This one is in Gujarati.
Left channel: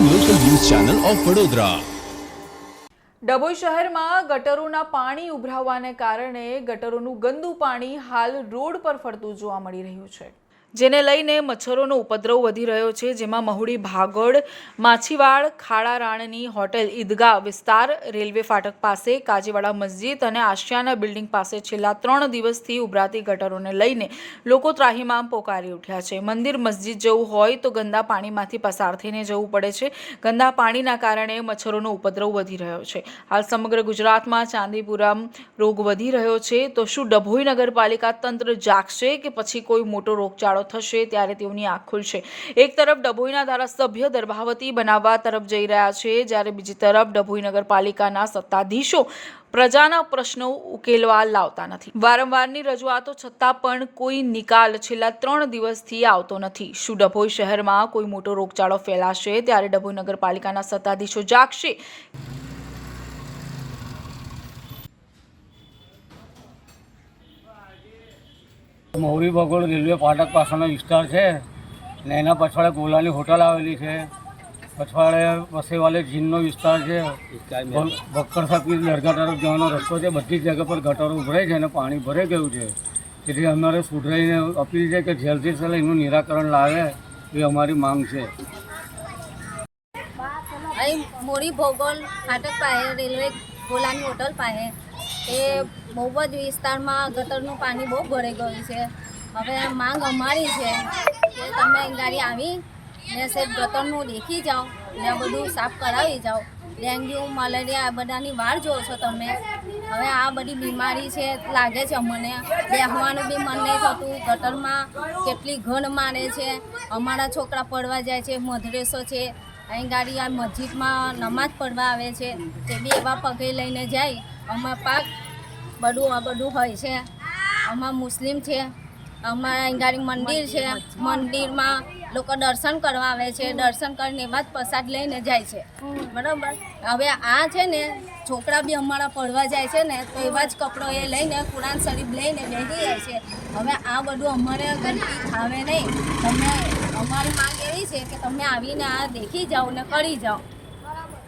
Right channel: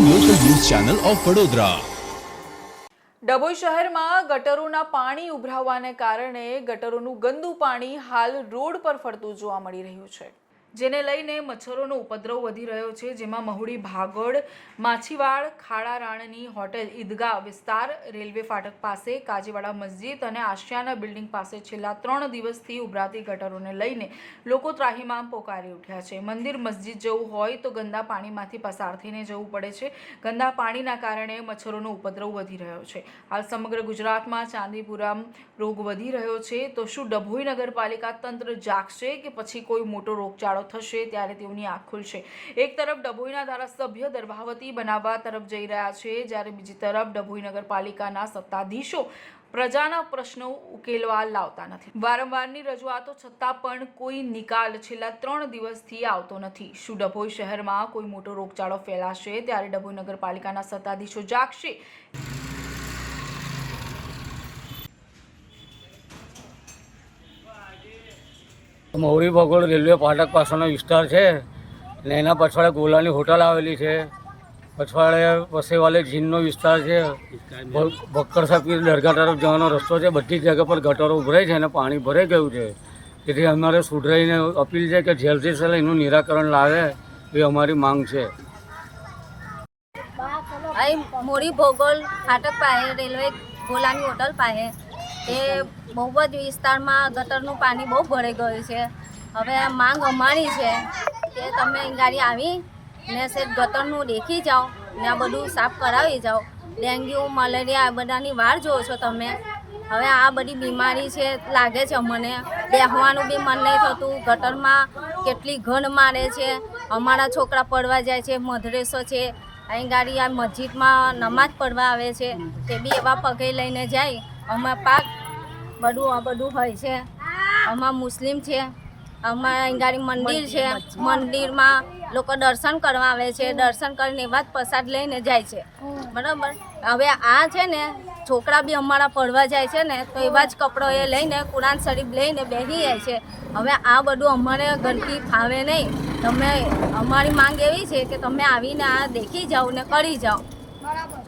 ચેનલ ઓફ વડોદરા ડભોઈ શહેરમાં ગટરોના પાણી ઉભરાવાને કારણે ગટરોનું ગંદુ પાણી હાલ રોડ પર ફરતું જોવા મળી રહ્યું છે. જેને લઈને મચ્છરોનો ઉપદ્રવ વધી રહ્યો છે, જેમાં મહુડી, ભાગોળ, માછીવાડ, ખાડા રાણની હોટેલ, ઈદગાહ વિસ્તાર, રેલવે ફાટક પાસે, કાજીવાડા મસ્જિદ અને આશિયાના બિલ્ડિંગ પાસે છેલ્લા ત્રણ દિવસથી ઉભરાતી ગટરોને લઈને લોકો ત્રાહિમામ પોકારી ઉઠ્યા છે. મંદિર, મસ્જિદ જવું હોય તો ગંદા પાણીમાંથી પસાર થઈને જવું પડે છે. ગંદા પાણીના કારણે મચ્છરોનો ઉપદ્રવ વધી રહ્યો છે. હાલ સમગ્ર ગુજરાતમાં ચાંદીપુરમ રોગ વધી રહ્યો છે. તો શું ડભોઈ નગરપાલિકા તંત્ર જાગશે કે પછી કોઈ મોટો રોગચાળો થશે ત્યારે તેઓની આંખ ખુલશે. એક તરફ ડભોઈના ધારાસભ્ય દર્ભાવતી બનાવવા તરફ જઈ રહ્યા છે, જ્યારે બીજી તરફ ડભોઈ નગરપાલિકાના સત્તાધીશો પ્રજાના પ્રશ્નો ઉકેલવા લાવતા નથી. વારંવારની રજૂઆતો છતાં પણ કોઈ નિકાલ છેલ્લા ત્રણ દિવસથી આવતો નથી. શું ડભોઈ શહેરમાં કોઈ મોટો રોગચાળો ફેલાશે, ત્યારે ડભોઈ નગરપાલિકાના સત્તાધીશો જાગશે? મૌરી ભગોળ રેલવે ફાટક પાસેનો વિસ્તાર છે ને એના પછવાડે ગોલાની હોટલ આવેલી છે. પછવાડે વસેવાલે જીનનો વિસ્તાર છે. ભક્કર સાહેબની દરગાહ તરફ જવાનો રસ્તો છે. બધી જગ્યા પર ગટરો ઉભરાય છે અને પાણી ભરાઈ ગયું છે. તેથી અમારે સુધરાઈને અપીલ છે કે જલ્દી સેલ એનું નિરાકરણ લાવે એ અમારી માંગ છે. અહીં મોરી ભોગોલ ફાટક પાસે રેલવે ગોલાની હોટલ પાસે એ બહુ જ વિસ્તારમાં ગટરનું પાણી બહુ ભરાઈ ગયું છે. હવે માંગ અમારી છે કે તમે ગાડી આવી ને સેજ ગટરનું દેખી જાઓ ને આ બધું સાફ કરાવી જાઓ. ડેન્ગ્યુ, મલેરિયા આ બધાની વાર જોવો છો તમે. હવે આ બધી બીમારી છે લાગે છે અમને. બેહવાનું બી મન નહીં થતું. ગટરમાં કેટલી ઘણ મારે છે. અમારા છોકરા પડવા જાય છે, મધરેસો છે. અહીં ગાડી આ મસ્જિદમાં નમાજ પડવા આવે છે. તે બી એવા પગે લઈને જાય. અમારા પાક બધું આ બધું હોય છે. અમારા મુસ્લિમ છે. અમારા અહીં મંદિર છે. મંદિરમાં લોકો દર્શન કરવા આવે છે. દર્શન કરીને એવા જ પ્રસાદ લઈને જાય છે. બરાબર? હવે આ છે ને, છોકરા બી અમારા પડવા જાય છે ને, તો એવા જ કપડો એ લઈને, કુરાન શરીફ લઈને બેસી જાય છે. હવે આ બધું અમારે ગંદકી ફાવે નહીં. તમે અમારી માંગ એવી છે કે તમે આવીને આ દેખી જાઓ ને કરી જાઓ.